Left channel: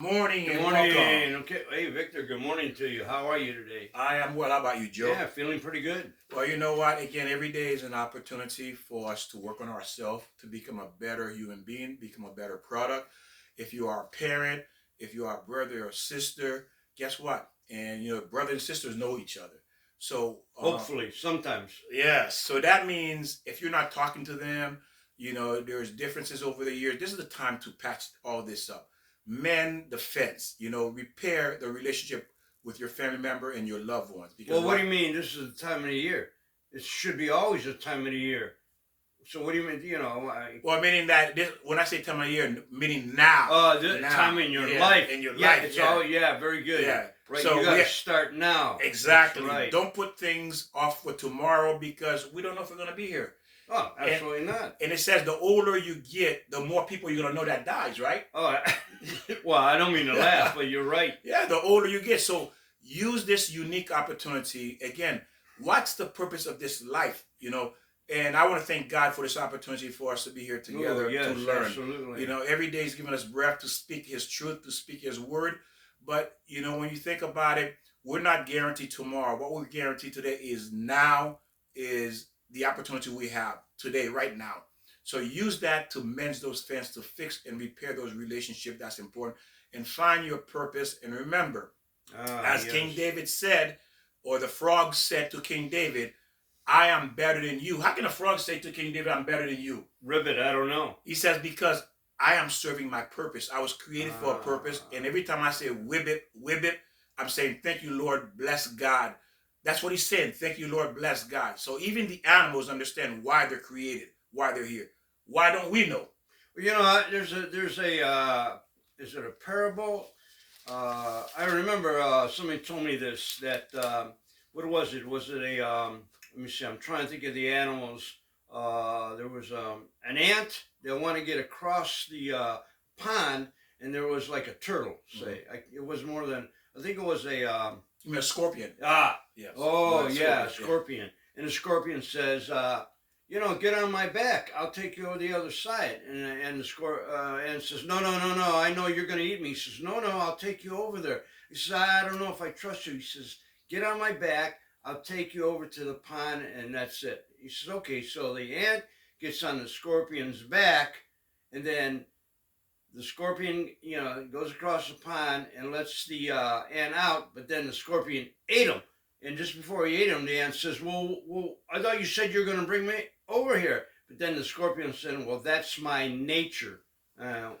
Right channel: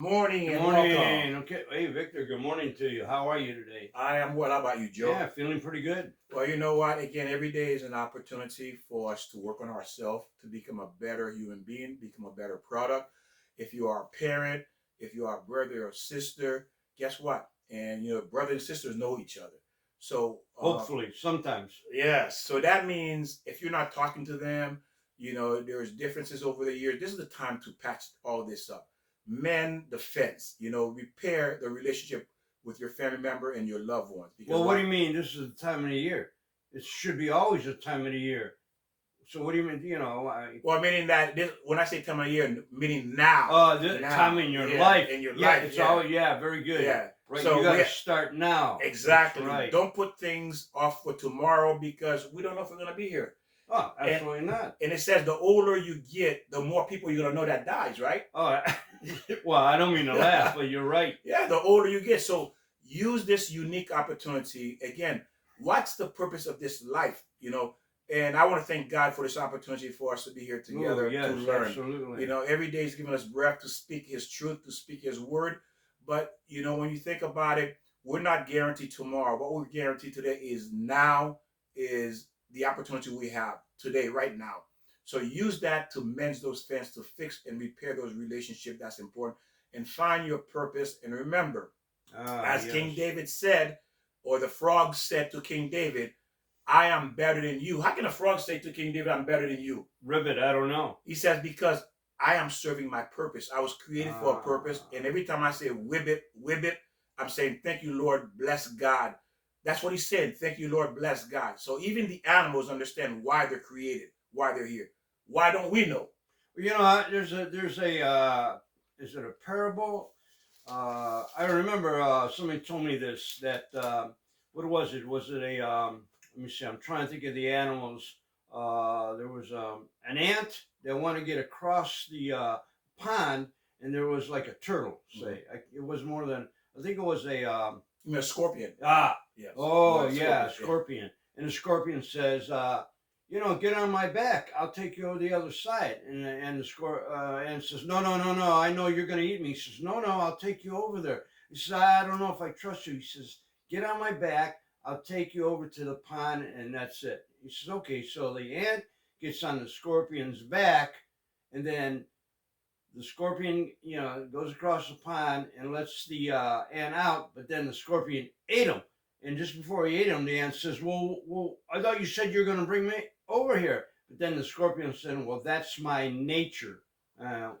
Morning Good and morning. welcome. Okay. Hey, Victor, good morning to you. How are you today? I am well. How about you, Joe? Yeah, feeling pretty good. Well, you know what? Again, every day is an opportunity for us to work on ourselves, to become a better human being, become a better product. If you are a parent, if you are a brother or sister, guess what? And brothers and sisters know each other. So, Hopefully, sometimes. yes. So that means if you're not talking to them, there's differences over the years. This is the time to patch all this up. Mend the fence, repair the relationship with your family member and your loved ones. Because Well, what do what? you mean? This is the time of the year. It should be always the time of the year. So, what do you mean? Well, meaning that when I say time of year, meaning now. The Now. time in your Yeah. life. In your Yeah, life. it's Yeah. all, yeah, very good. Yeah. Right. So You got we to start now. That's exactly. right. Don't put things off for tomorrow because we don't know if we're going to be here. Oh, And absolutely not. and it says the older you get, the more people you're gonna know that dies, right? Oh, well, I don't mean to laugh, but you're right. Yeah, the older you get. So use this unique opportunity. Again, what's the purpose of this life? And I want to thank God for this opportunity for us to be here Oh, together to yes, learn. absolutely. Every day He's giving us breath to speak His truth, to speak His word. But when you think about it, we're not guaranteed tomorrow. What we're guaranteed today is now, is the opportunity we have today, right now. So use that to mend those fence, to fix and repair those relationships. That's important. And find your purpose. And remember, as King Yes. David said, or the frog said to King David, I am better than you. How can a frog say to King David, I'm better than you? Ribbit, I don't know. He says, because I am serving my purpose. I was created for a purpose. And every time I say whibbit, whibbit, I'm saying, thank you, Lord, bless God. That's what he's saying. Thank you, Lord, bless God. So even the animals understand why they're created, why they're here. Why don't we know? Well, there's a is it a parable? I remember somebody told me this that what was it? Was it a let me see. I'm trying to think of the animals. There was an ant that wanted to get across the pond, and there was like a turtle. Say, it was more than I think it was a You mean a scorpion? yes. Oh yeah, scorpion. Yeah. And the scorpion says, get on my back. I'll take you over the other side. And the and says, no, no, no, no. I know you're going to eat me. He says, no, no, I'll take you over there. He says, I don't know if I trust you. He says, get on my back. I'll take you over to the pond, and that's it. He says, okay. So the ant gets on the scorpion's back, and then the scorpion, goes across the pond and lets the ant out. But then the scorpion ate him. And just before he ate him, the ant says, well, I thought you said you're going to bring me over here. But then the scorpion said, well, that's my nature.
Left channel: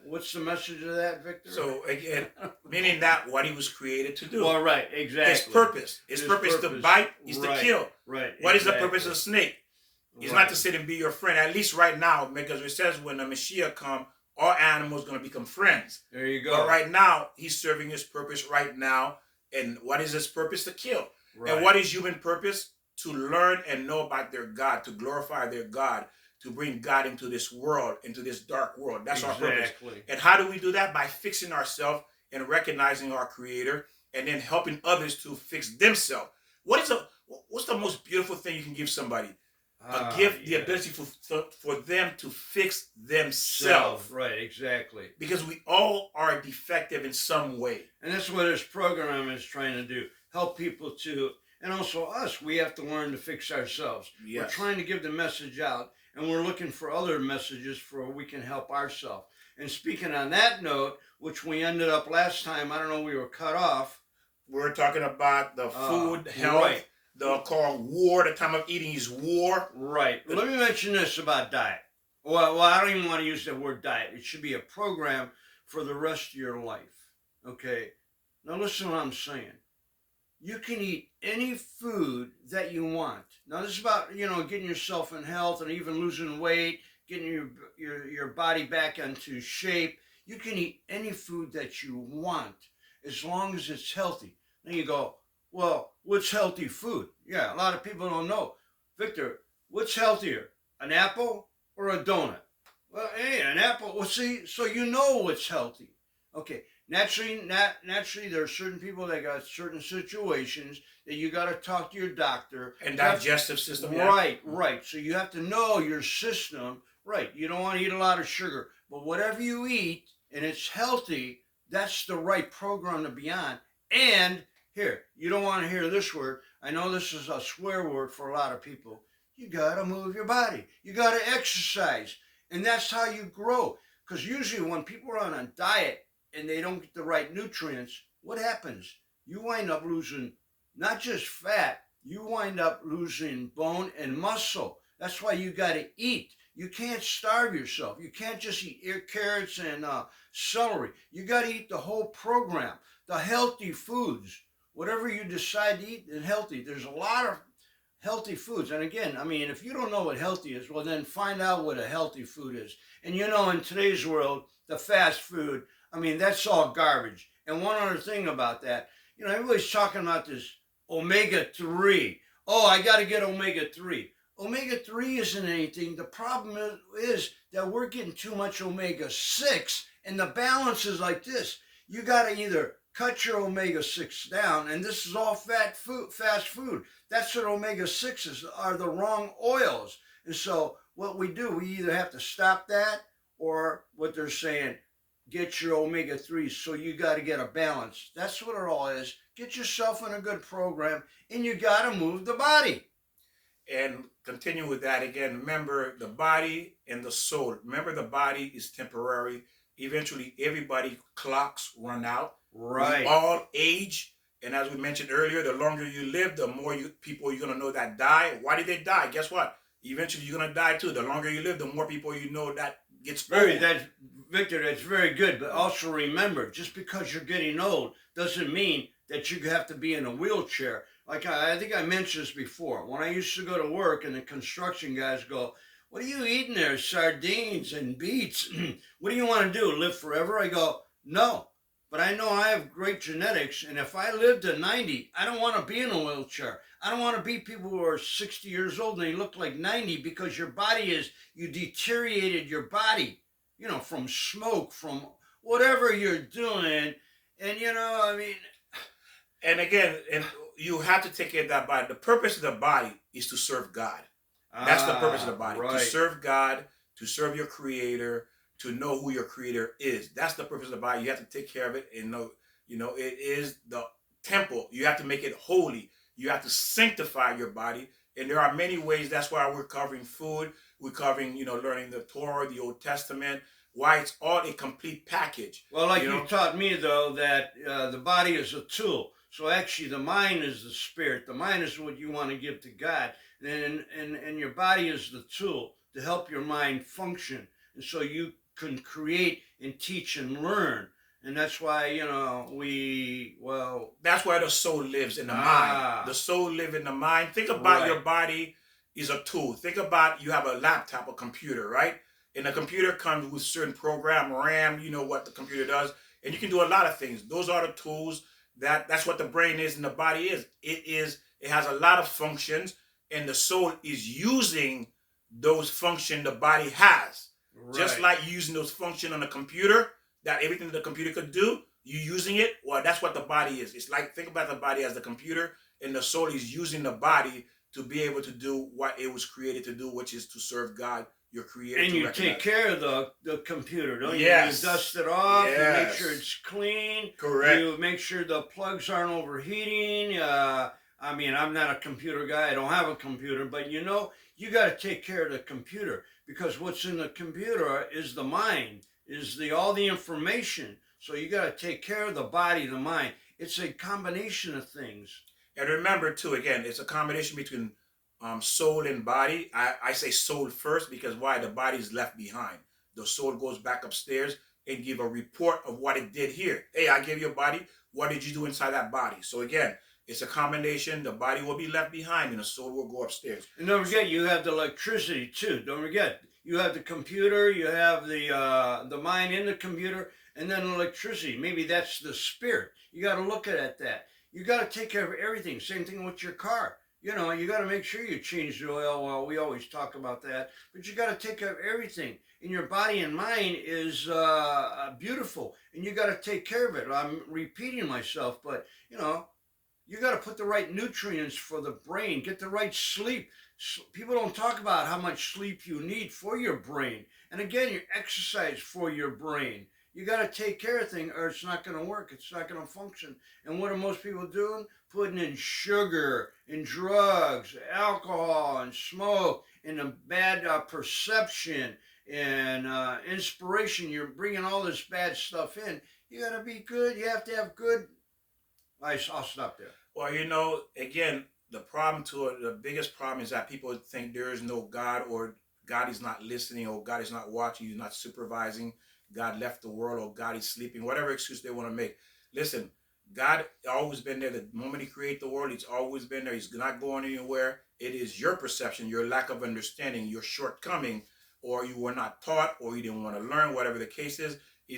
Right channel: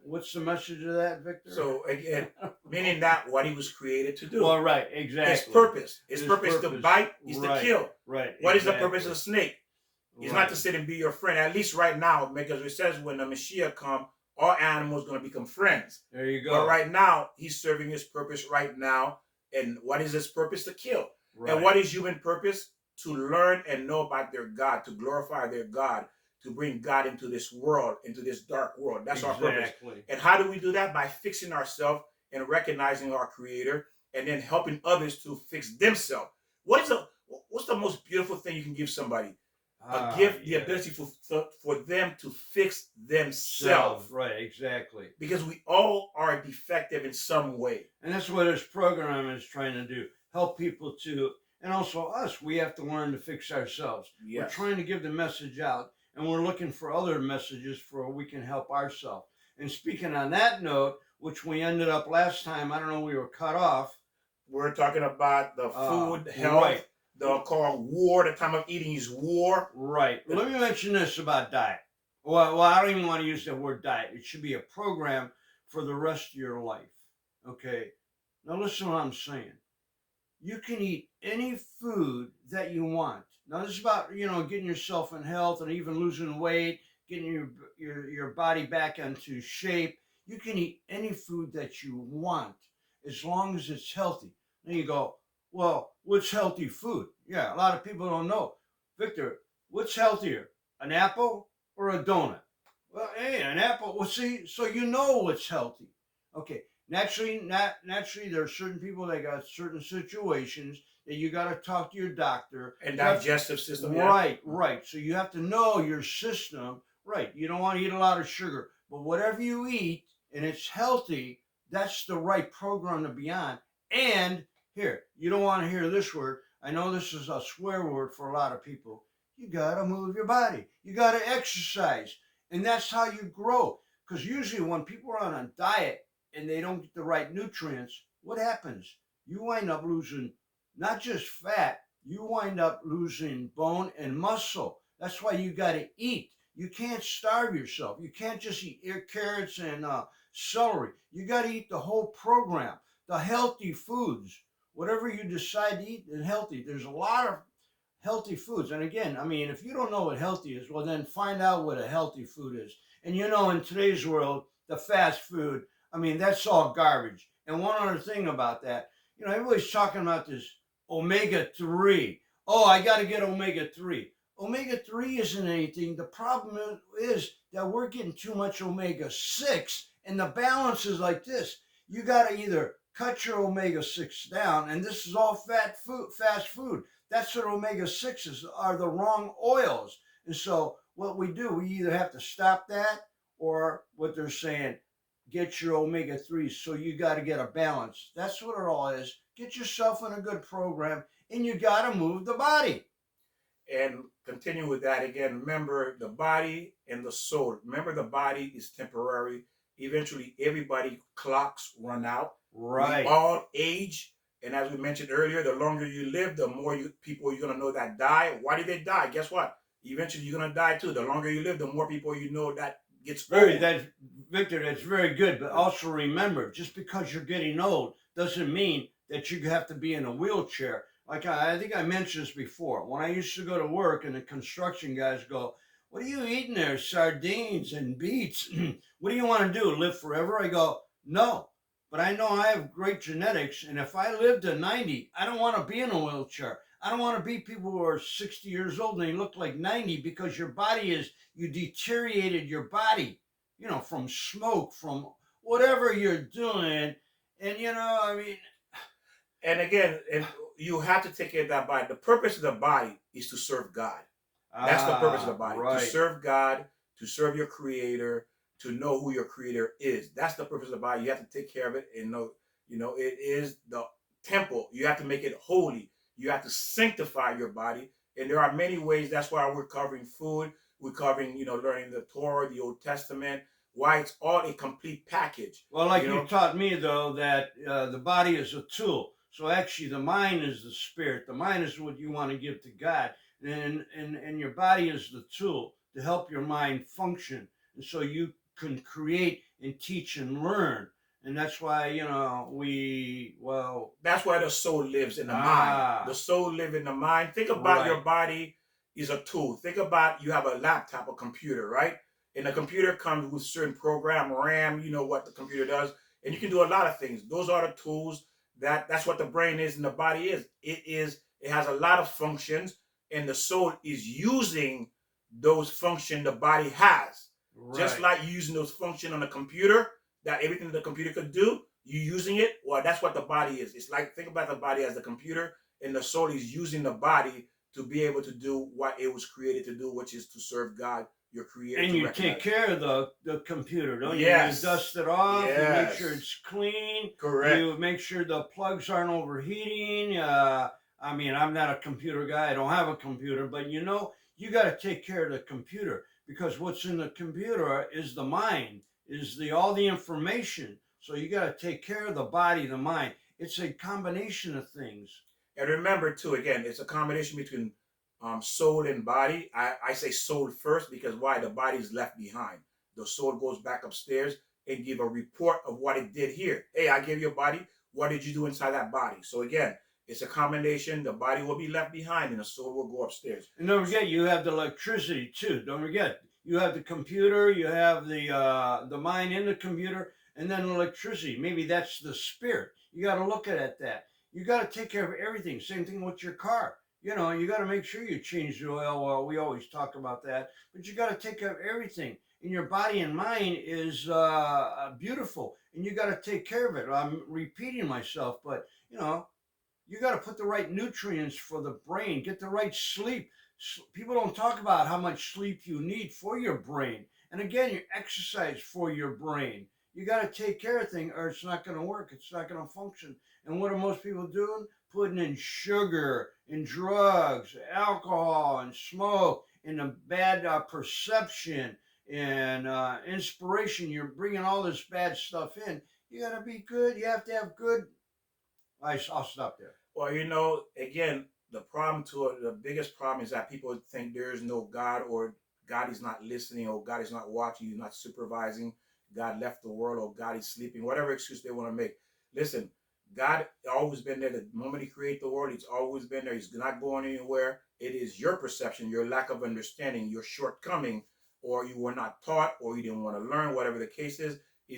What's the message of that, Victor? So again, meaning that what he was created to do. Well, right, exactly. His purpose. His purpose to bite is to kill. Right. What is the purpose of the snake? It's not to sit and be your friend. At least right now, because it says when the Messiah come, all animals going to become friends. There you go. But right now, he's serving his purpose right now. And what is his purpose? To kill. Right. And what is human purpose? To learn and know about their God, to glorify their God, to bring God into this world, into this dark world. That's our purpose. And how do we do that? By fixing ourselves and recognizing our Creator, and then helping others to fix themselves. What's the most beautiful thing you can give somebody? A gift, the ability for them to fix themselves. Right, exactly. Because we all are defective in some way. And that's what this program is trying to do. Help people to, and also us, we have to learn to fix ourselves. Yes. We're trying to give the message out, and we're looking for other messages for we can help ourselves. And speaking on that note, which we ended up last time, I don't know, we were cut off. We're talking about the food, health. Right. The called war, the time of eating is war. Right. Let me mention this about diet. Well, I don't even want to use the word diet. It should be a program for the rest of your life. Okay. Now listen to what I'm saying. You can eat any food that you want. Now this is about, getting yourself in health and even losing weight, getting your body back into shape. You can eat any food that you want as long as it's healthy. Then you go, well, what's healthy food? Yeah, a lot of people don't know. Victor, what's healthier, an apple or a donut? Well, hey, an apple. Well, see, so you know what's healthy. Okay, naturally, there are certain people that got certain situations that you got to talk to your doctor. And digestive system. Right, yeah. Right. So you have to know your system. Right. You don't want to eat a lot of sugar, but whatever you eat and it's healthy, that's the right program to be on. And here, you don't want to hear this word. I know this is a swear word for a lot of people. You got to move your body. You got to exercise. And that's how you grow. Because usually when people are on a diet and they don't get the right nutrients, what happens? You wind up losing not just fat, you wind up losing bone and muscle. That's why you got to eat. You can't starve yourself. You can't just eat carrots and celery. You got to eat the whole program, the healthy foods. Whatever you decide to eat is healthy. There's a lot of healthy foods. And again, I mean, if you don't know what healthy is, well, then find out what a healthy food is. And you know, in today's world, the fast food, I mean, that's all garbage. And one other thing about that, you know, everybody's talking about this omega-3. Oh, I got to get omega-3. Omega-3 isn't anything. The problem is that we're getting too much omega-6, and the balance is like this. You got to either cut your omega-6 down, and this is all fast food. That's what omega-6s are, the wrong oils. And so what we do, we either have to stop that, or what they're saying, get your omega-3s. So you got to get a balance. That's what it all is. Get yourself in a good program, and you got to move the body. And continue with that again. Remember the body and the soul. Remember the body is temporary. Eventually, everybody clocks run out. Right. We all age. And as we mentioned earlier, the longer you live, the more people you're going to know that die. Why did they die? Guess what? Eventually, you're going to die too. The longer you live, the more people you know that gets old. Victor, that's very good. But also remember, just because you're getting old doesn't mean that you have to be in a wheelchair. Like I think I mentioned this before. When I used to go to work and the construction guys go, what are you eating there? Sardines and beets. What do you want to do? Live forever? I go, no. But I know I have great genetics. And if I live to 90, I don't want to be in a wheelchair. I don't want to be people who are 60 years old and they look like 90 because your body you deteriorated your body, you know, from smoke, from whatever you're doing. And, you know, I mean. And again, you have to take care of that body. The purpose of the body is to serve God. That's the purpose of the body. Right. To serve God, to serve your creator, to know who your creator is. That's the purpose of the body. You have to take care of it and know, you know, it is the temple. You have to make it holy. You have to sanctify your body. And there are many ways. That's why we're covering food. We're covering, you know, learning the Torah, the Old Testament. Why it's all a complete package. Well, like you taught me, though, that the body is a tool. So actually the mind is the spirit. The mind is what you want to give to God. And your body is the tool to help your mind function. And so you can create and teach and learn. And that's why, you know, that's why the soul lives in the mind. The soul lives in the mind. Think about your body is a tool. Think about you have a laptop, a computer, right? And the computer comes with certain program, RAM, you know what the computer does. And you can do a lot of things. Those are the tools. That's what the brain is and the body is. It has a lot of functions, and the soul is using those functions the body has. Right. Just like using those functions on the computer, that everything the computer could do, you using it. Well, that's what the body is. It's like, think about the body as the computer, and the soul is using the body to be able to do what it was created to do, which is to serve God, your creator. And you take care of the computer, don't you? Yes. You dust it off, you make sure it's clean. Correct. You make sure the plugs aren't overheating. I mean, I'm not a computer guy. I don't have a computer, but you know, you got to take care of the computer, because what's in the computer is the mind, is all the information. So you got to take care of the body, the mind. It's a combination of things. And remember too, again, it's a combination between soul and body. I say soul first because why? The body is left behind. The soul goes back upstairs and give a report of what it did here. Hey, I gave you a body. What did you do inside that body? So again, it's a combination. The body will be left behind and the soul will go upstairs. And don't forget, you have the electricity too. Don't forget, you have the computer, you have the mind in the computer, and then electricity. Maybe that's the spirit. You got to look at that. You got to take care of everything. Same thing with your car. You know, you got to make sure you change the oil. Well, we always talk about that, but you got to take care of everything. And your body and mind is beautiful, and you got to take care of it. I'm repeating myself, but you know, you got to put the right nutrients for the brain. Get the right sleep. People don't talk about how much sleep you need for your brain. And again, you exercise for your brain. You got to take care of things or it's not going to work. It's not going to function. And what are most people doing? Putting in sugar and drugs, alcohol and smoke and a bad perception and inspiration. You're bringing all this bad stuff in. You got to be good. You have to have good. I'll stop there. Well, again, the biggest problem is that people think there is no God, or God is not listening, or God is not watching, He's not supervising, God left the world, or God is sleeping, whatever excuse they want to make. Listen, God always been there. The moment He created the world, He's always been there. He's not going anywhere. It is your perception, your lack of understanding, your shortcoming, or you were not taught, or you didn't want to learn, whatever the case is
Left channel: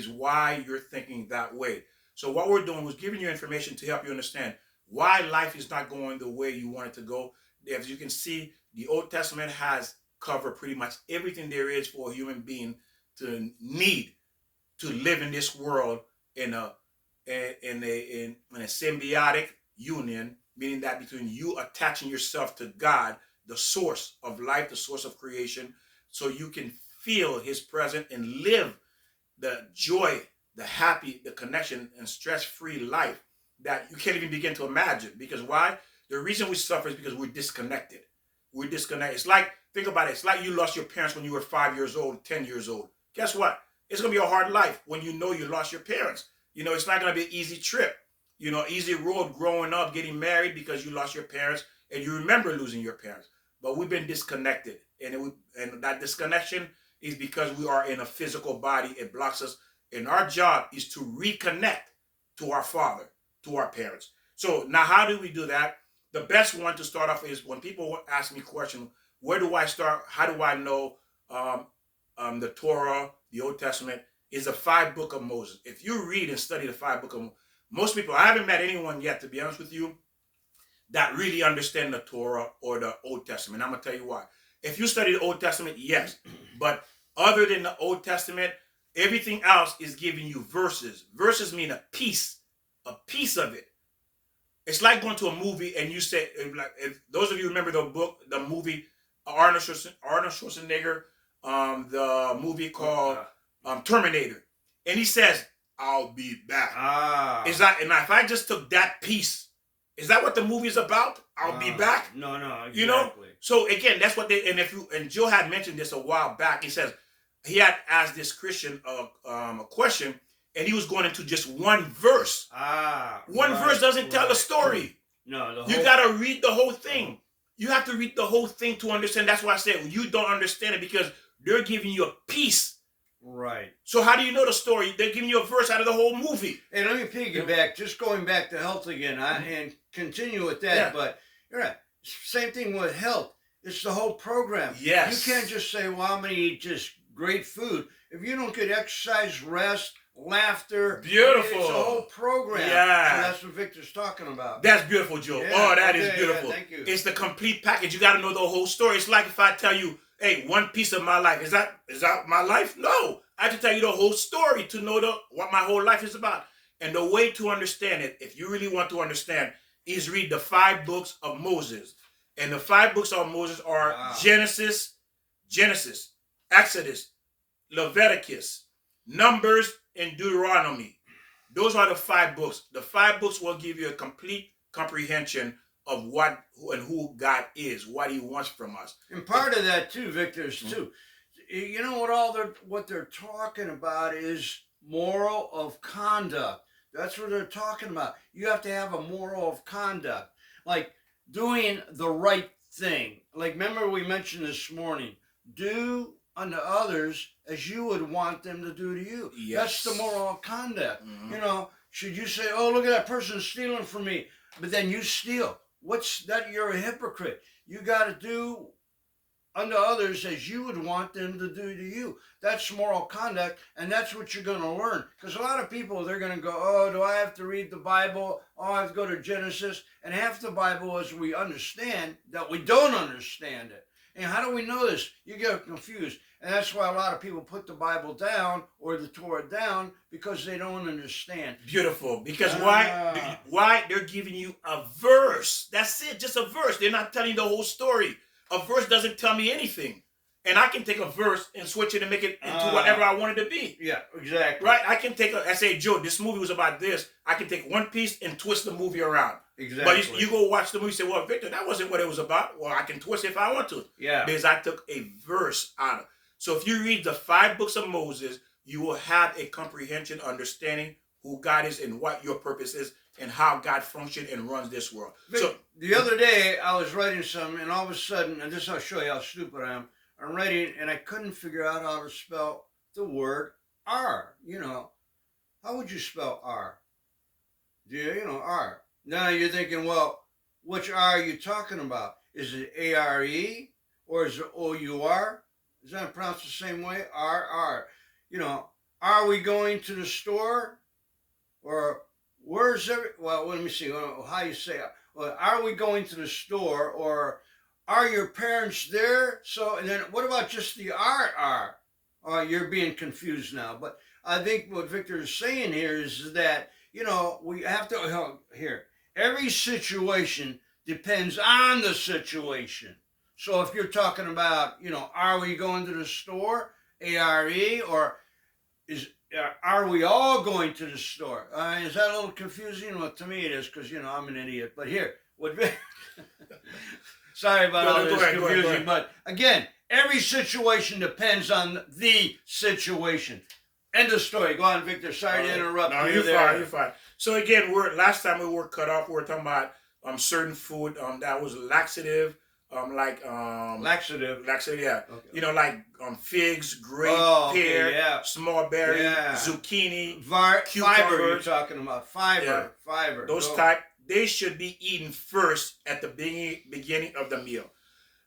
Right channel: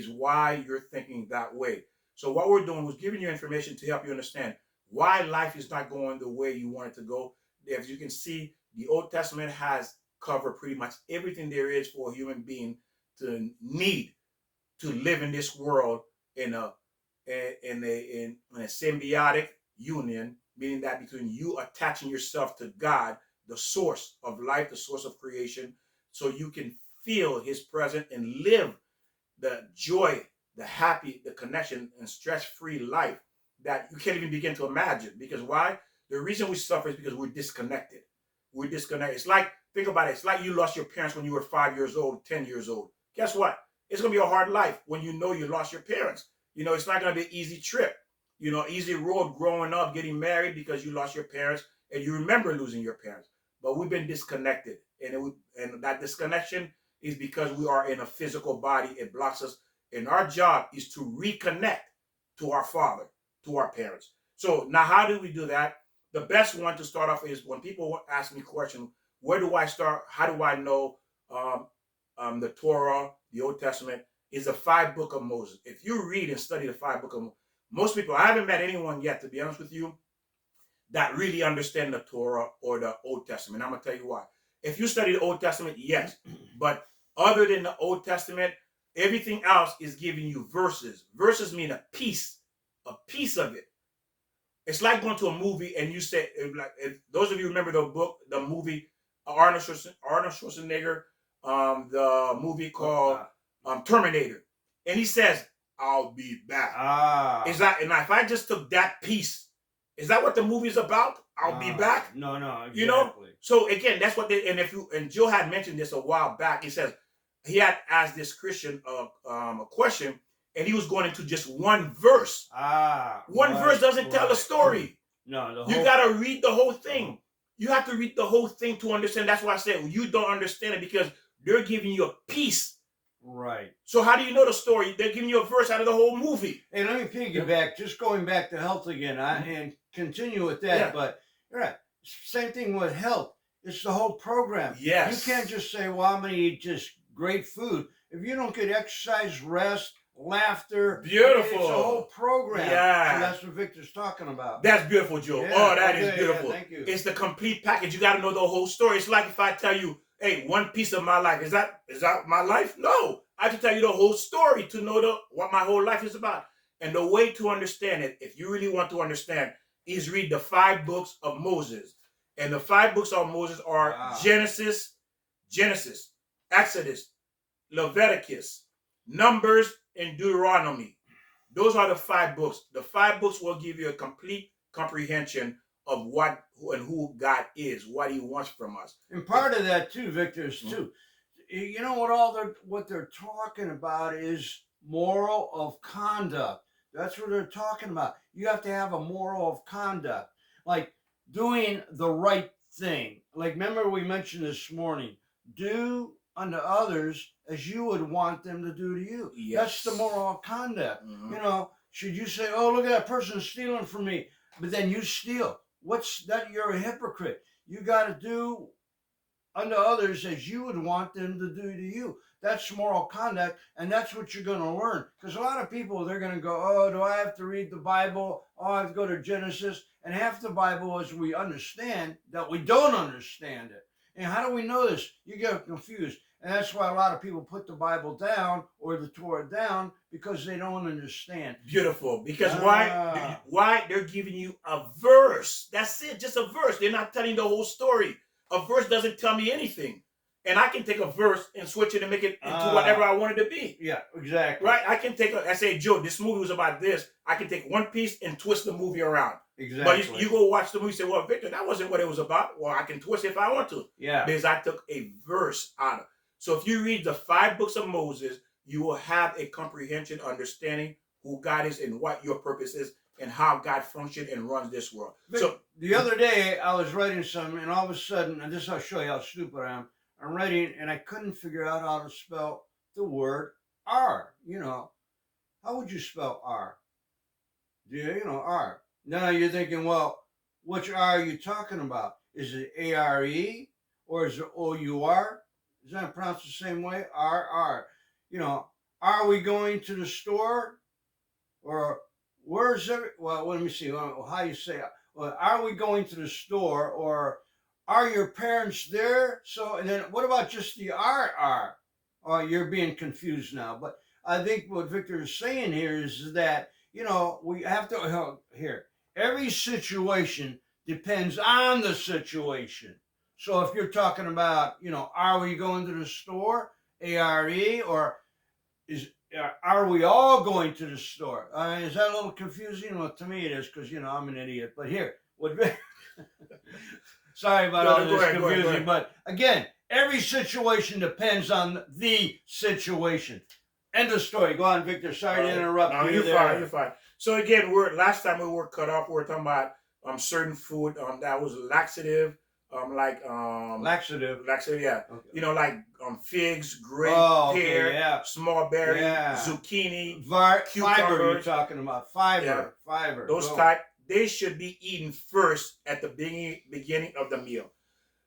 why you're thinking that way. So what we're doing was giving you information to help you understand why life is not going the way you want it to go. As you can see, the Old Testament has covered pretty much everything there is for a human being to need to live in this world in a symbiotic union, meaning that between you attaching yourself to God, the source of life, the source of creation, so you can feel His presence and live the joy, the happy, the connection, and stress-free life that you can't even begin to imagine. Because why? The reason we suffer is because we're disconnected. We're disconnected. It's like, think about it. It's like you lost your parents when you were 5 years old, 10 years old. Guess what? It's going to be a hard life when you know you lost your parents. It's not going to be an easy trip. Easy road growing up, getting married because you lost your parents and you remember losing your parents. But we've been disconnected. And that disconnection is because we are in a physical body. It blocks us. And our job is to reconnect to our Father, to our parents. So now how do we do that? The best one to start off is when people ask me questions, where do I start? How do I know the Torah, the Old Testament, is the 5 books of Moses. If you read and study the 5 books of Moses, most people, I haven't met anyone yet, to be honest with you, that really understand the Torah or the Old Testament. I'm going to tell you why. If you study the Old Testament, yes. But other than the Old Testament, everything else is giving you verses. Verses mean a piece of it. It's like going to a movie and you say, like, if those of you remember the movie Arnold Schwarzenegger, the movie called Terminator, and he says, "I'll be back." Is that? And if I just took that piece, is that what the movie is about? I'll be back. No, exactly. So again, that's what they. And Joe had mentioned this a while back. He says he had asked this Christian a question, and he was going into just one verse. One verse doesn't tell the story. No, you got to read the whole thing. You have to read the whole thing to understand. That's why I said you don't understand it because they're giving you a piece. Right. So how do you know the story? They're giving you a verse out of the whole movie. And let me piggyback, just going back to health again, and continue with that. Yeah. But you're right. Same thing with health. It's the whole program. Yes. You can't just say, well, I'm going to eat just great food. If you don't get exercise, rest, laughter. Beautiful. It's a whole program. Yeah. And that's what Victor's talking about. That's beautiful, Joe. Yeah, that is beautiful. Yeah, thank you. It's the complete package. You got to know the whole story. It's like if I tell you, hey, one piece of my life. Is that my life? No. I have to tell you the whole story to know what my whole life is about. And the way to understand it, if you really want to understand, is read the 5 books of Moses. And the 5 books of Moses are Genesis, Exodus, Leviticus, Numbers, and Deuteronomy. Those are the 5 books. The 5 books will give you a complete comprehension of what and who God is, what He wants from us. And part of that too, Victor, is too. You know what they're talking about is moral of conduct. That's what they're talking about. You have to have a moral of conduct, like doing the right thing. Like remember we mentioned this morning, do unto others as you would want them to do to you. Yes. That's the moral of conduct. Mm-hmm. Should you say, oh, look at that person stealing from me, but then you steal? What's that? You're a hypocrite. You got to do unto others as you would want them to do to you. That's moral conduct, and that's what you're going to learn. Because a lot of people, they're going to go, oh, do I have to read the Bible? Oh, I have to go to Genesis. And half the Bible, as we understand, that we don't understand it. And how do we know this? You get confused. And that's why a lot of people put the Bible down or the Torah down because they don't understand. Beautiful. Because why? They're giving you a verse. That's it. Just a verse. They're not telling the whole story. A verse doesn't tell me anything. and I can take a verse and switch it and make it into whatever I want it to be. Yeah, exactly. Right? I can take I say, Joe, this movie was about this. I can take one piece and twist the movie around. Exactly. But you go watch the movie and say, well, Victor, that wasn't what it was about. Well, I can twist it if I want to. Yeah. Because I took a verse out of it. So if you read the 5 books of Moses, you will have a comprehension, understanding who God is and what your purpose is and how God functions and runs this world. But so the other day I was writing something, and all of a sudden, and this I'll show you how stupid I am. I'm writing, and I couldn't figure out how to spell the word R. You know, how would you spell R? You know, R. Now you're thinking, well, which R are you talking about? Is it A-R-E or is it O-U-R? Is that pronounced the same way? R-R. You know, are we going to the store? Or where's well, let me see how you say it. Well, are we going to the store? Or are your parents there? So, and then what about just the R-R? Oh, you're being confused now. But I think what Victor is saying here is that, you know, we have to, here, every situation depends on the situation. So if you're talking about, you know, are we going to the store, A-R-E, or are we all going to the store? Is that a little confusing? Well, to me it is, because, you know, I'm an idiot. But here, sorry about all this confusion. But again, every situation depends on the situation. End of story. Go on, Victor. Sorry to interrupt you. You're there. Fine, you're fine. So again, last time we were cut off, we were talking about certain food that was laxative, laxative, yeah. Okay. You know, like figs, grape, pear, yeah. small berry, zucchini, fiber. You're talking about fiber, fiber. Those type, they should be eaten first at the beginning of the meal,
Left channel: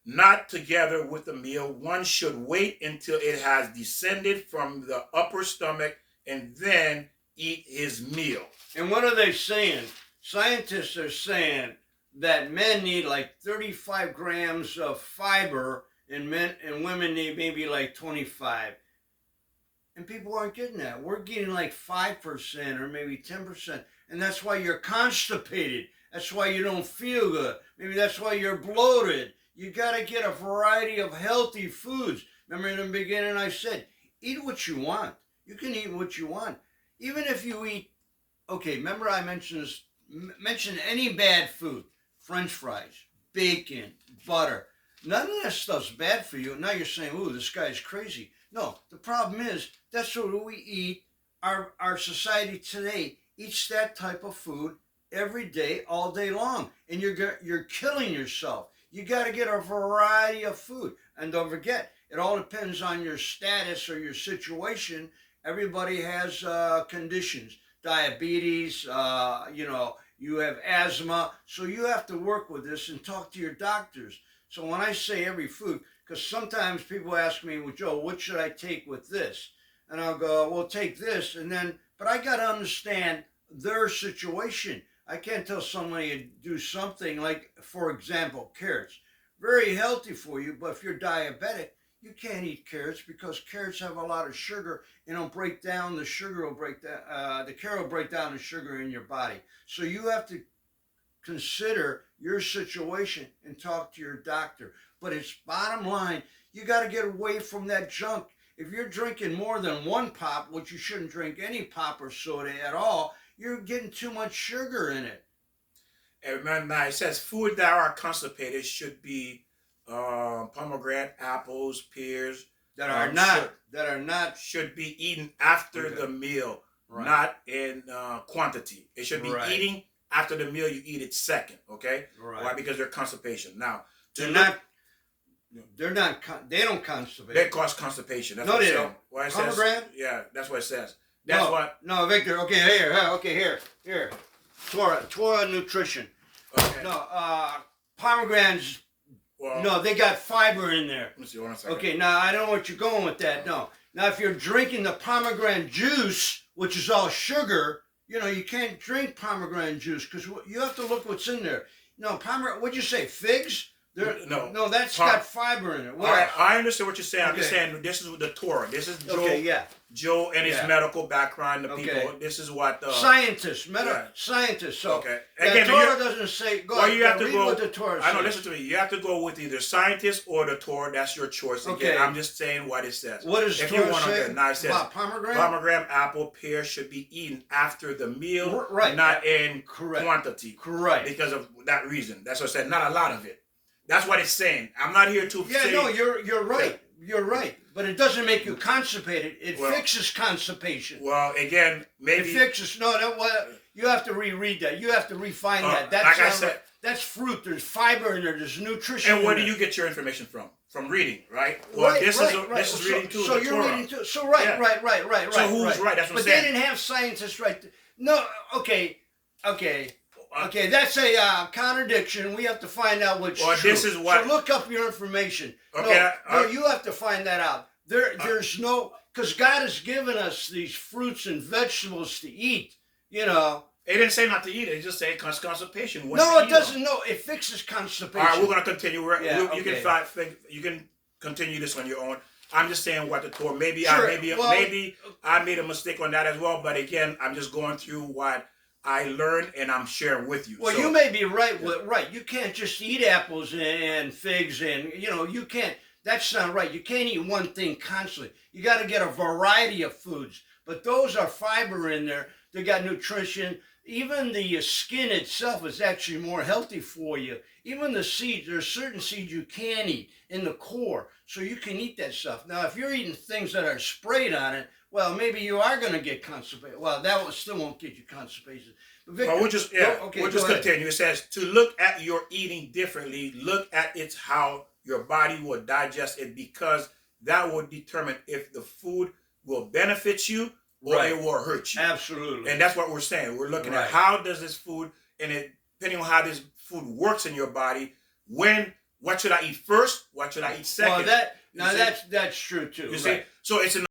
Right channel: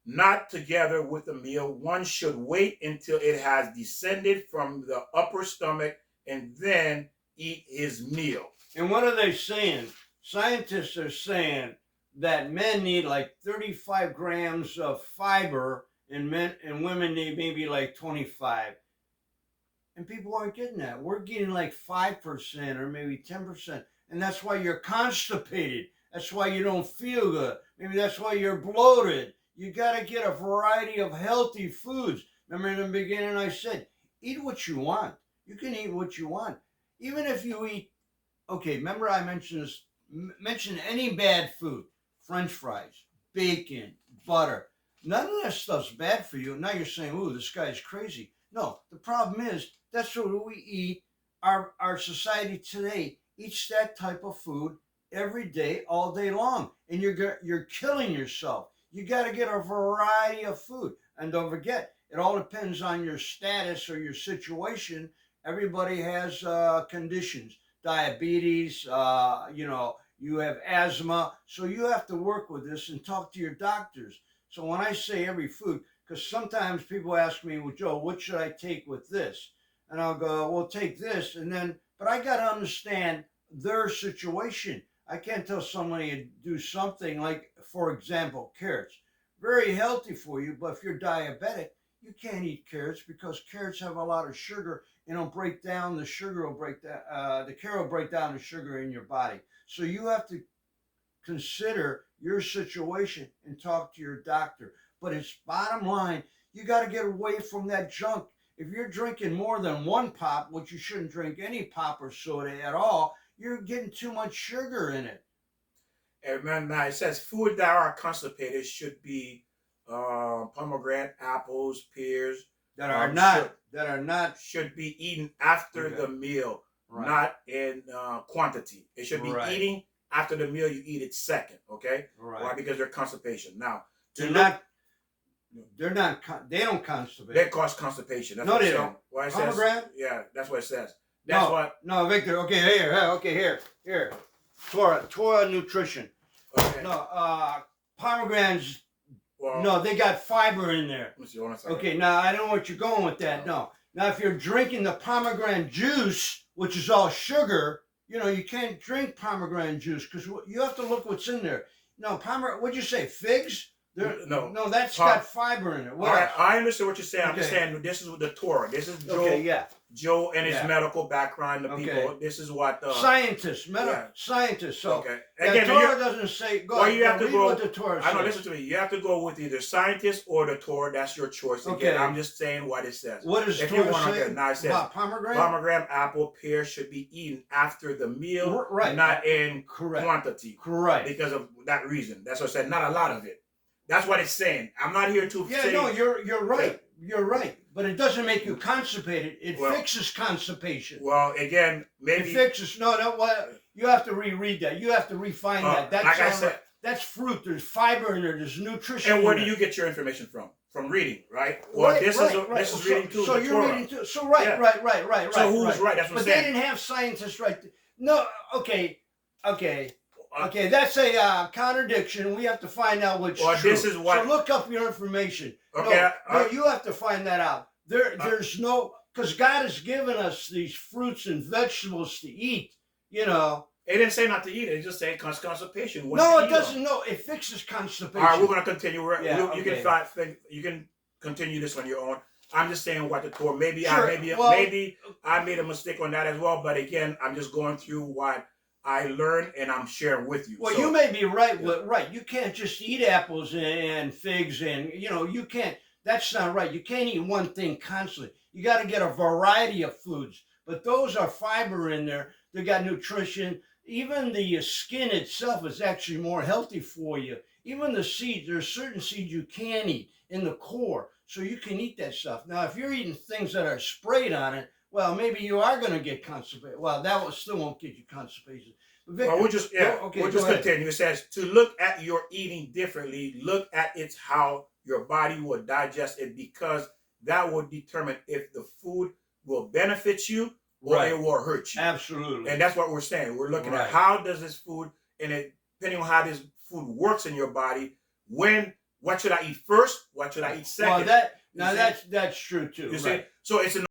not together with the meal. One should wait until it has descended from the upper stomach and then eat his meal. And what are they saying? Scientists are saying that men need like 35 grams of fiber, and women need maybe like 25. And people aren't getting that. We're getting like 5% or maybe 10. And that's why you're constipated. That's why you don't feel good. Maybe that's why you're bloated. You got to get a variety of healthy foods. Remember in the beginning I said, eat what you want. You can eat what you want. Even if you eat, okay, remember I mentioned this, mention any bad food, French fries, bacon, butter. None of that stuff's bad for you. Now you're saying, ooh, this guy's crazy. No, the problem is that's what we eat. Our society today eats that type of food every day, all day long. And you're killing yourself. You got to get a variety of food. And don't forget, it all depends on your status or your situation. Everybody has conditions, diabetes, you know, you have asthma. So you have to work with this and talk to your doctors. So when I say every food, because sometimes people ask me, well, Joe, what should I take with this? And I'll go, well, take this. And then, but I got to understand their situation. I can't tell somebody to do something like, for example, carrots. Very healthy for you, but if you're diabetic, you can't eat carrots because carrots have a lot of sugar and it'll break down, the sugar will break down, the carrot will break down the sugar in your body. So you have to consider your situation and talk to your doctor. But it's bottom line, you got to get away from that junk. If you're drinking more than one pop, which you shouldn't drink any pop or soda at all, you're getting too much sugar in it. And remember, it says food that are constipated should be pomegranate, apples, pears. That are not should be eaten after the meal, not in quantity. It should be eating after the meal. You eat it second, okay? Right. Why? Because they're constipation. Now, they don't constipate. They cause constipation. That's no, they don't. Pomegranate? Yeah, that's what it says. No, Victor. Okay, here. Torah Nutrition. Okay. No, pomegranates. Well, no, they got fiber in there. Let me see, 1 second. Okay, now I don't know what you're going with that. No. Now, if you're drinking the pomegranate juice, which is all sugar, you know, you can't drink pomegranate juice because you have to look what's in there. No, pomegranate, what'd you say, figs? No, that's got fiber in it. I understand what you're saying. Okay. I'm just saying this is the Torah. This is Joe. Okay, yeah. Joe and his Yeah. medical background, the Okay. people. This is what Scientists, yeah. scientists. So Okay. the Again, Torah doesn't say. Go well, ahead. you have to Read go. what the Torah I know. says. Listen to me. You have to go with either scientist or the Torah. That's your choice. Again, Okay. I'm just saying what it says. What does If Torah you want say to, now it says about pomegranate? pomegranate, apple, pear should be eaten after the meal, Right. not in Correct. quantity. Correct. Because of that reason. That's what I said. Not a lot of it. That's what it's saying. I'm not here to say. No, you're right. Yeah. You're right. But it doesn't make you constipated. It fixes constipation. Well, again, maybe it fixes. No. Well, you have to reread that. You have to refine that. That's like I said, that's fruit. There's fiber in there. There's nutrition. And where do you get your information from? From reading, right? Well, this is reading too. So you're reading too. So right. So who's right? That's what I'm saying. But they didn't have scientists right. No. Okay. That's a contradiction. We have to find out which. Well, this is what. So look up your information. Okay. No, you have to find that out. There's no, because God has given us these fruits and vegetables to eat. You know. It didn't say not to eat it. It just said constipation. No, it doesn't. No, it fixes constipation. All right, we're gonna continue. Okay. You can continue this on your own. I'm just saying what the Torah. Maybe sure. maybe I made a mistake on that as well. But again, I'm just going through what I learned and I'm sharing with you. Well, you may be right. Right, you can't just eat apples and figs and you can't. That's not right. You can't eat one thing constantly. You got to get a variety of foods. But those are fiber in there. They got nutrition. Even the skin itself is actually more healthy for you. Even the seeds, there's certain seeds you can eat in the core, so you can eat that stuff. Now, if you're eating things that are sprayed on it, well, maybe you are going to get constipated. Well, that still won't get you constipation. But Victor, we'll just continue. It says to look at your eating differently. Look at how your body will digest it, because that will determine if the food will benefit you or it will hurt you. Absolutely. And that's what we're saying. We're looking at how does this food, and depending on how this food works in your body, what should I eat first? What should I eat second? Well, that's true too. You see? So it's an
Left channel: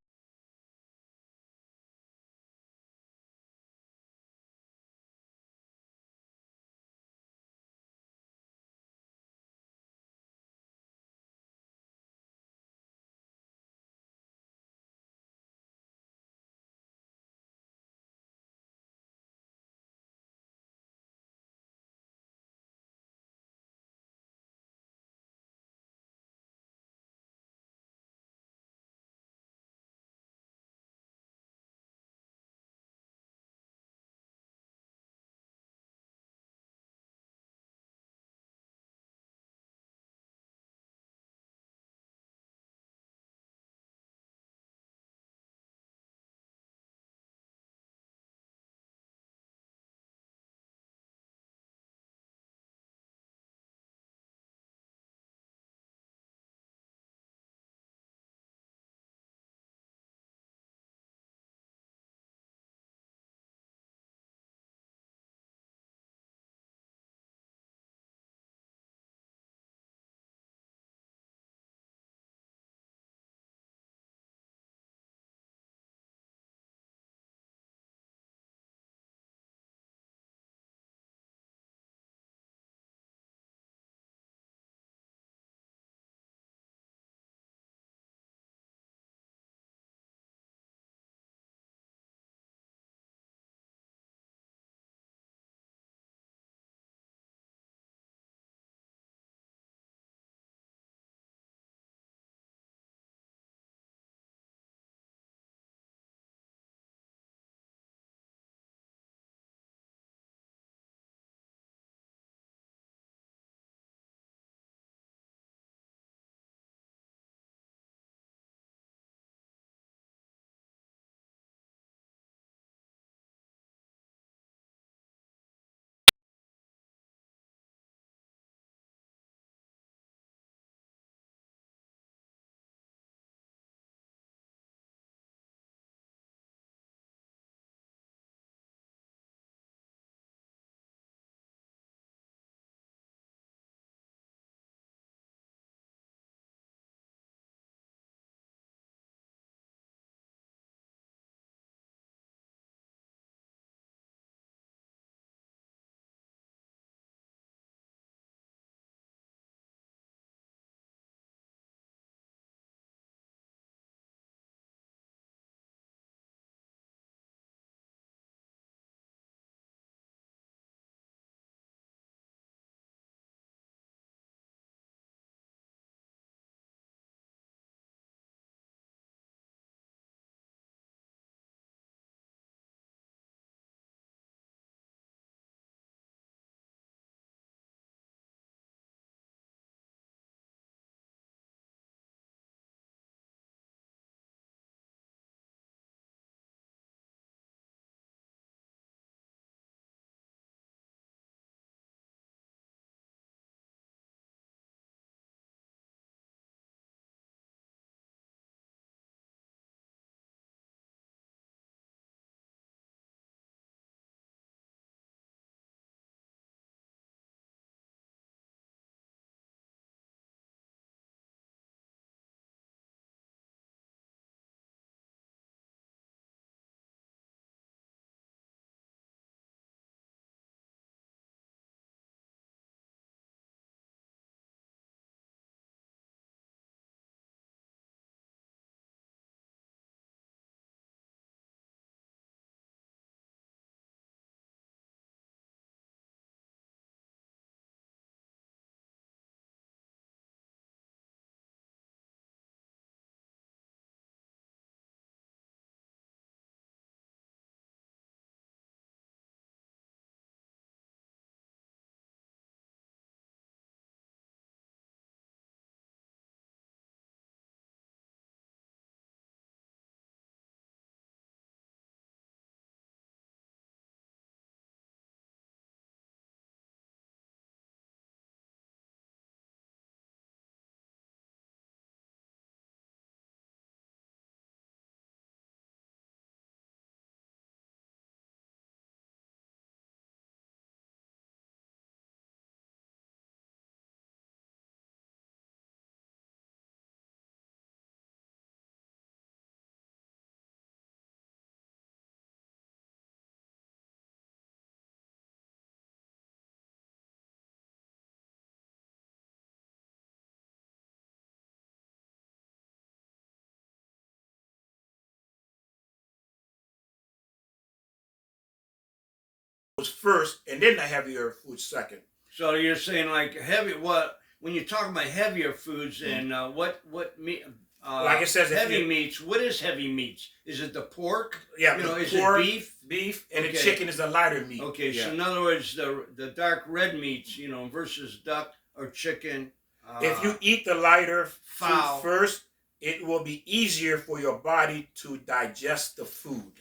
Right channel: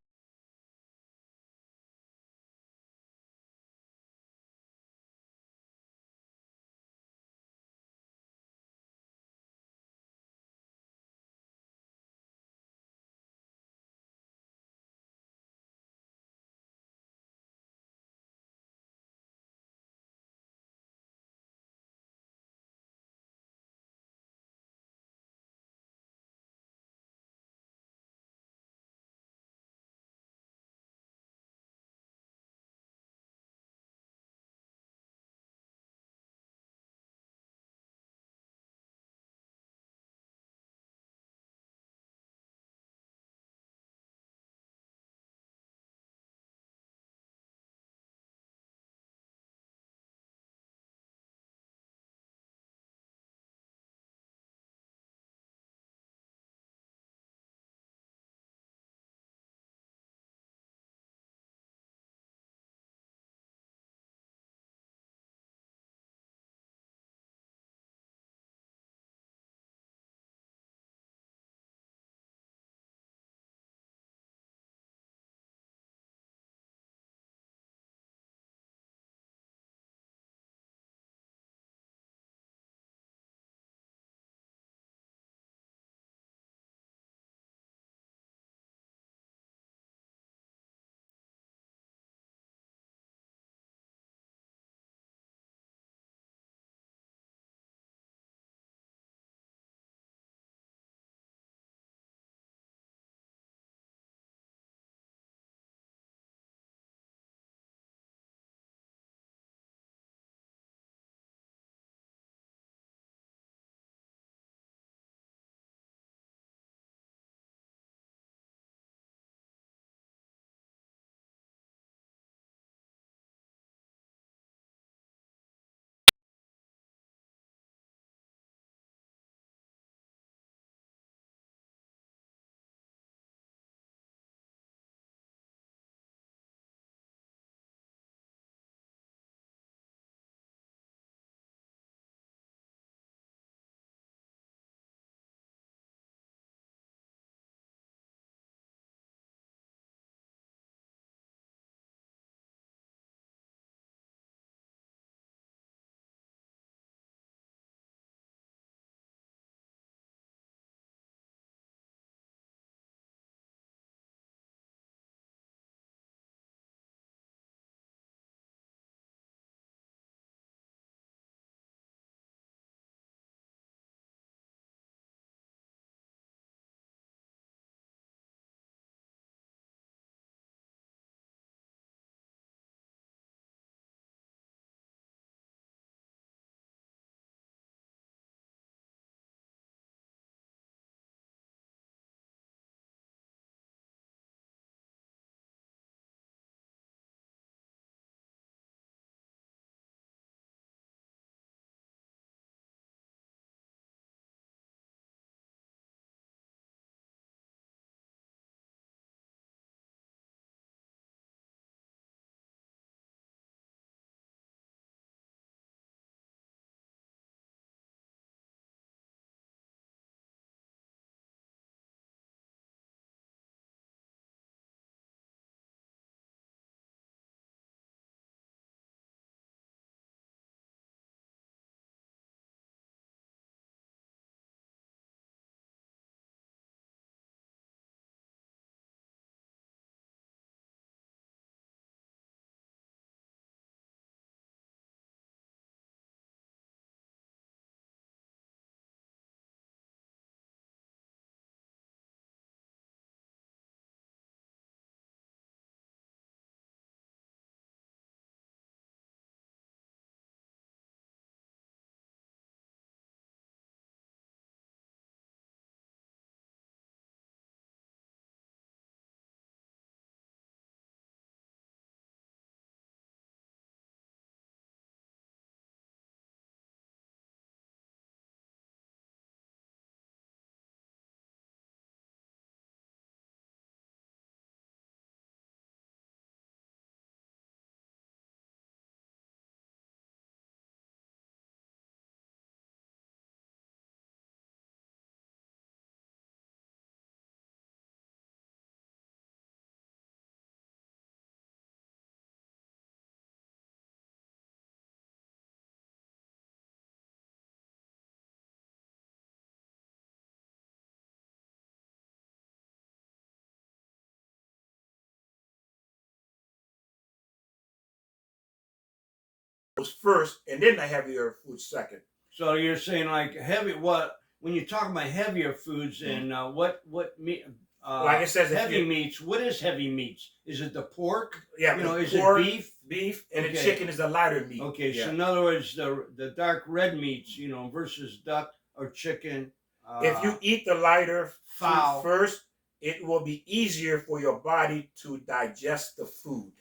foods first and then the heavier foods second. So you're saying like heavy, what, when you talk about heavier foods and what meat, Like it says, heavy meats, what is heavy meats? Is it the pork? Yeah, You know, is pork, it beef? Beef, and Okay. the chicken is a lighter meat. Okay, Yeah. so in other words, the dark red meats, you know, versus duck or chicken. If you eat the lighter fowl food first, it will be easier for your body to digest the food.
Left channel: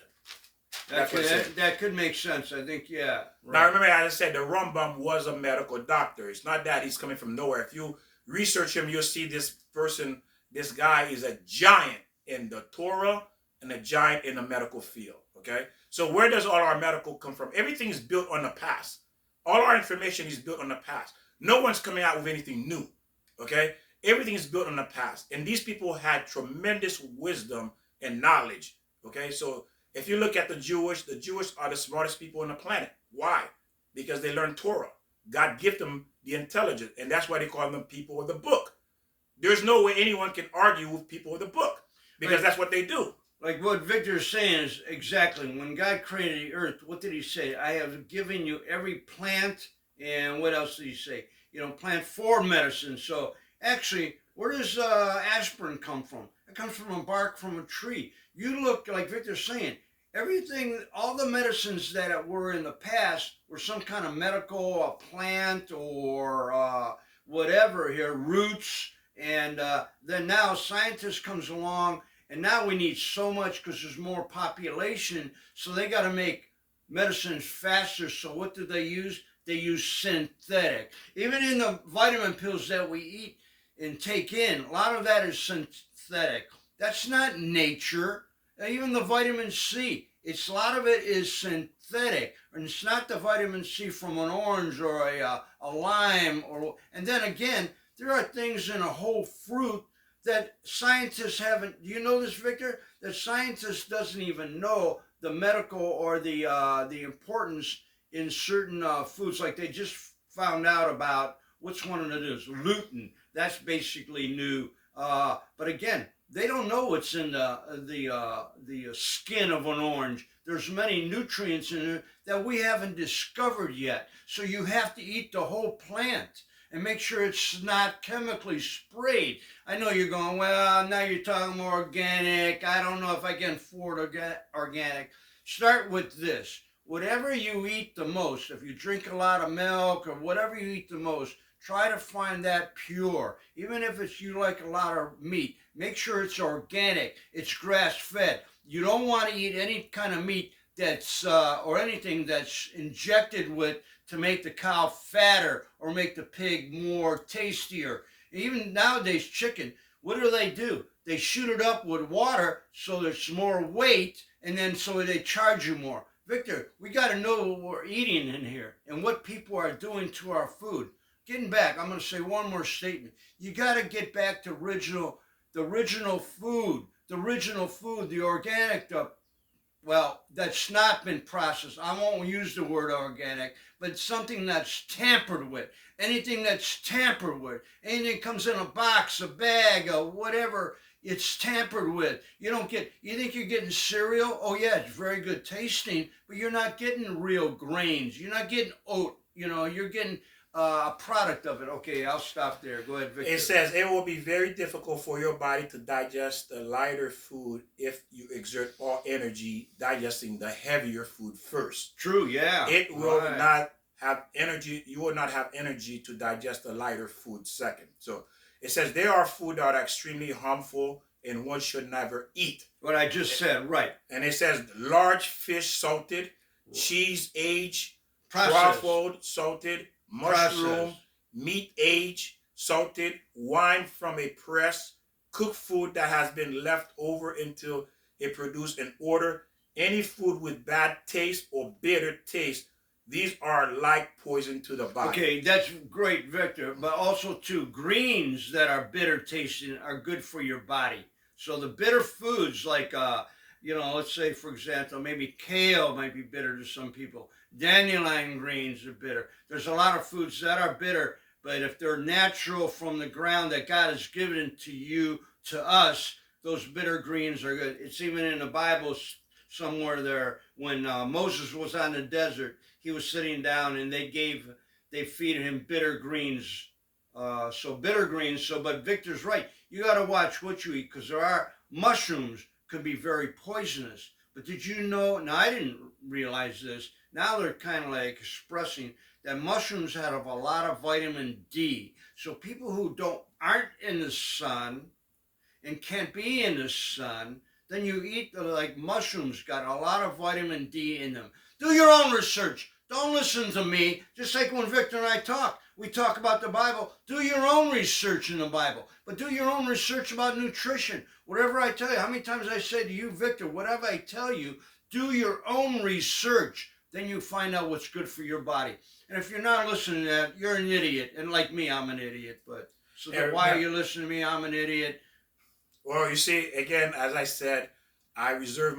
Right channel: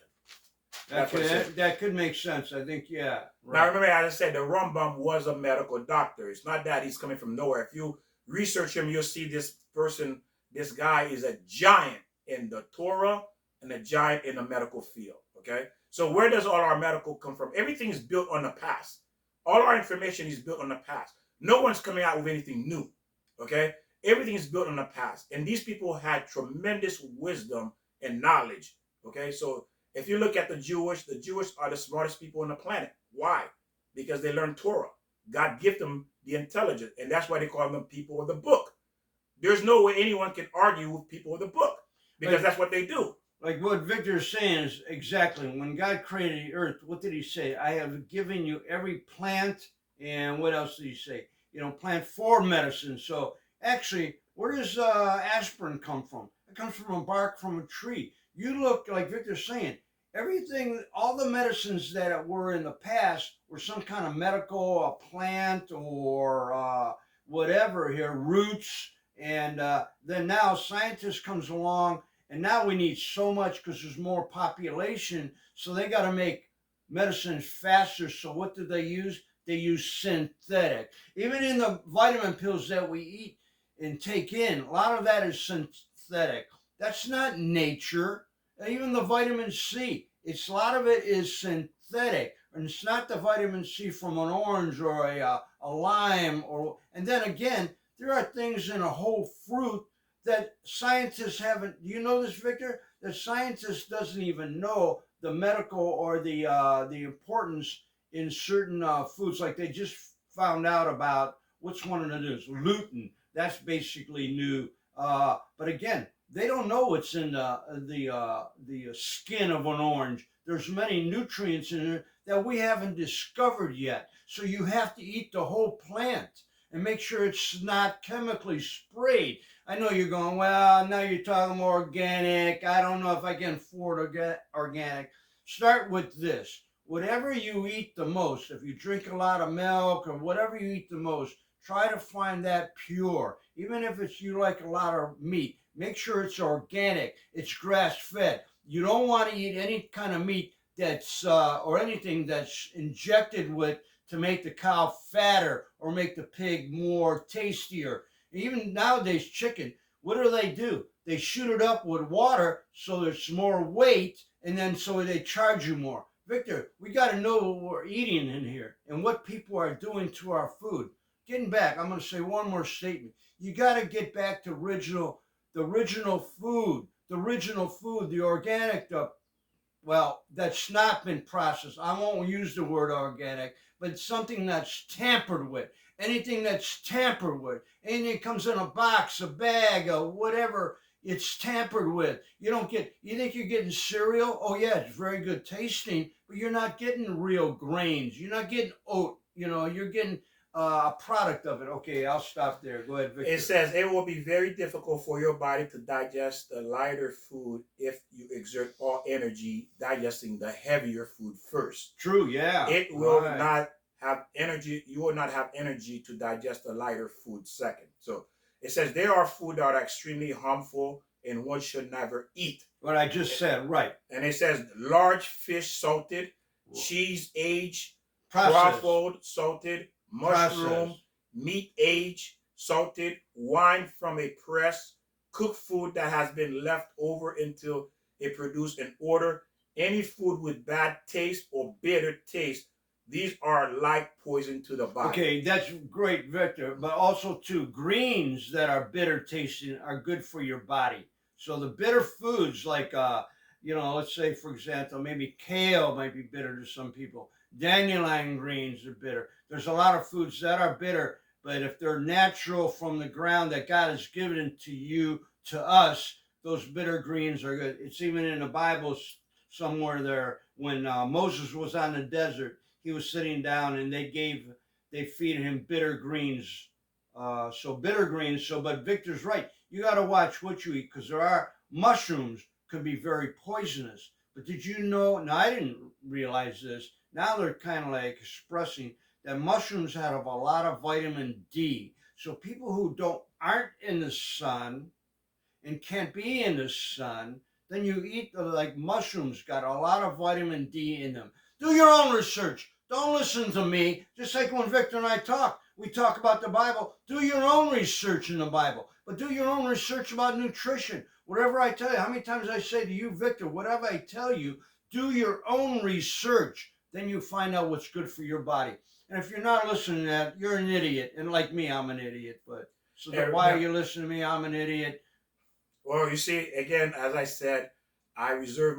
that could make sense. I think, yeah. Right. Now remember, as I said, the Rambam was a medical doctor. It's not that he's coming from nowhere. If you research him, you'll see this person, this guy is a giant in the Torah and a giant in the medical field. Okay? So where does all our medical come from? Everything is built on the past. All our information is built on the past. No one's coming out with anything new. Okay? Everything is built on the past. And these people had tremendous wisdom and knowledge. Okay? So if you look at the Jewish are the smartest people on the planet. Why? Because they learned Torah. God gave them the intelligence. And that's why they call them people of the book. There's no way anyone can argue with people of the book. Because that's what they do. Like what Victor is saying is exactly, when God created the earth, what did he say? I have given you every plant, and what else did he say? You know, plant for medicine. So actually, where does aspirin come from? It comes from a bark from a tree. You look, like Victor's saying, everything, all the medicines that were in the past were some kind of medical, a plant or whatever here, roots. And then now scientists comes along, and now we need so much because there's more population. So they got to make medicines faster. So what do they use? They use synthetic. Even in the vitamin pills that we eat and take in, a lot of that is synthetic. That's not nature. Even the vitamin C, a lot of it is synthetic. And it's not the vitamin C from an orange or a lime. And then again, there are things in a whole fruit that scientists haven't. Do you know this, Victor? That scientists doesn't even know the medical or the importance in certain foods. Like they just found out about, which one it is, lutein. That's basically new. But again, they don't know what's in the skin of an orange. There's many nutrients in it that we haven't discovered yet. So you have to eat the whole plant and make sure it's not chemically sprayed. I know you're going, well, now you're talking more organic. I don't know if I can afford organic. Start with this. Whatever you eat the most, if you drink a lot of milk or whatever you eat the most, try to find that pure. Even if it's you like a lot of meat, make sure it's organic, it's grass-fed. You don't want to eat any kind of meat that's or anything that's injected with to make the cow fatter or make the pig more tastier. Even nowadays, chicken, what do? They shoot it up with water so there's more weight, and then so they charge you more. Victor, we got to know what we're eating in here and what people are doing to our food. Getting back, I'm going to say one more statement. You got to get back to the original food, the organic, well, that's not been processed. I won't use the word organic, but something that's tampered with. Anything that's tampered with, anything comes in a box, a bag, or whatever, it's tampered with. You think you're getting cereal? Oh yeah, it's very good tasting, but you're not getting real grains. You're not getting oat. You're getting a product of it. Okay, I'll stop there. Go ahead, Victor. It says it will be very difficult for your body to digest the lighter food if you exert all energy digesting the heavier food first. True, yeah. It will not have energy. You will not have energy to digest the lighter food second. So it says there are food that are extremely harmful and one should never eat. What I just said, right. And it says large fish salted, cheese aged, processed, truffled salted, mushroom, meat aged, salted, wine from a press, cooked food that has been left over until it produced an odor, any food with bad taste or bitter taste. These are like poison to the body. Okay, that's great, Victor. But also, too, greens that are bitter tasting are good for your body. So the bitter foods like, let's say, for example, maybe kale might be bitter to some people. Dandelion greens are bitter. There's a lot of foods that are bitter, but if they're natural from the ground that God has given to you, to us, those bitter greens are good. It's even in the Bible somewhere there when Moses was on the desert. he was sitting down and they feed him bitter greens. Bitter greens. But Victor's right. You got to watch what you eat, because there are mushrooms could be very poisonous. But did you know? Now, I didn't realize this. Now they're kind of like expressing that mushrooms have a lot of vitamin D. So people who aren't in the sun and can't be in the sun, then you eat like mushrooms, got a lot of vitamin D in them. Do your own research. Don't listen to me. Just like when Victor and I talk, we talk about the Bible. Do your own research in the Bible, but do your own research about nutrition. Whatever I tell you, how many times I say to you, Victor, whatever I tell you, do your own research. Then you find out what's good for your body. And if you're not listening to that, you're an idiot. And like me, I'm an idiot. But so then why are you listening to me? I'm an idiot. Well, you see, again, as I said, I reserve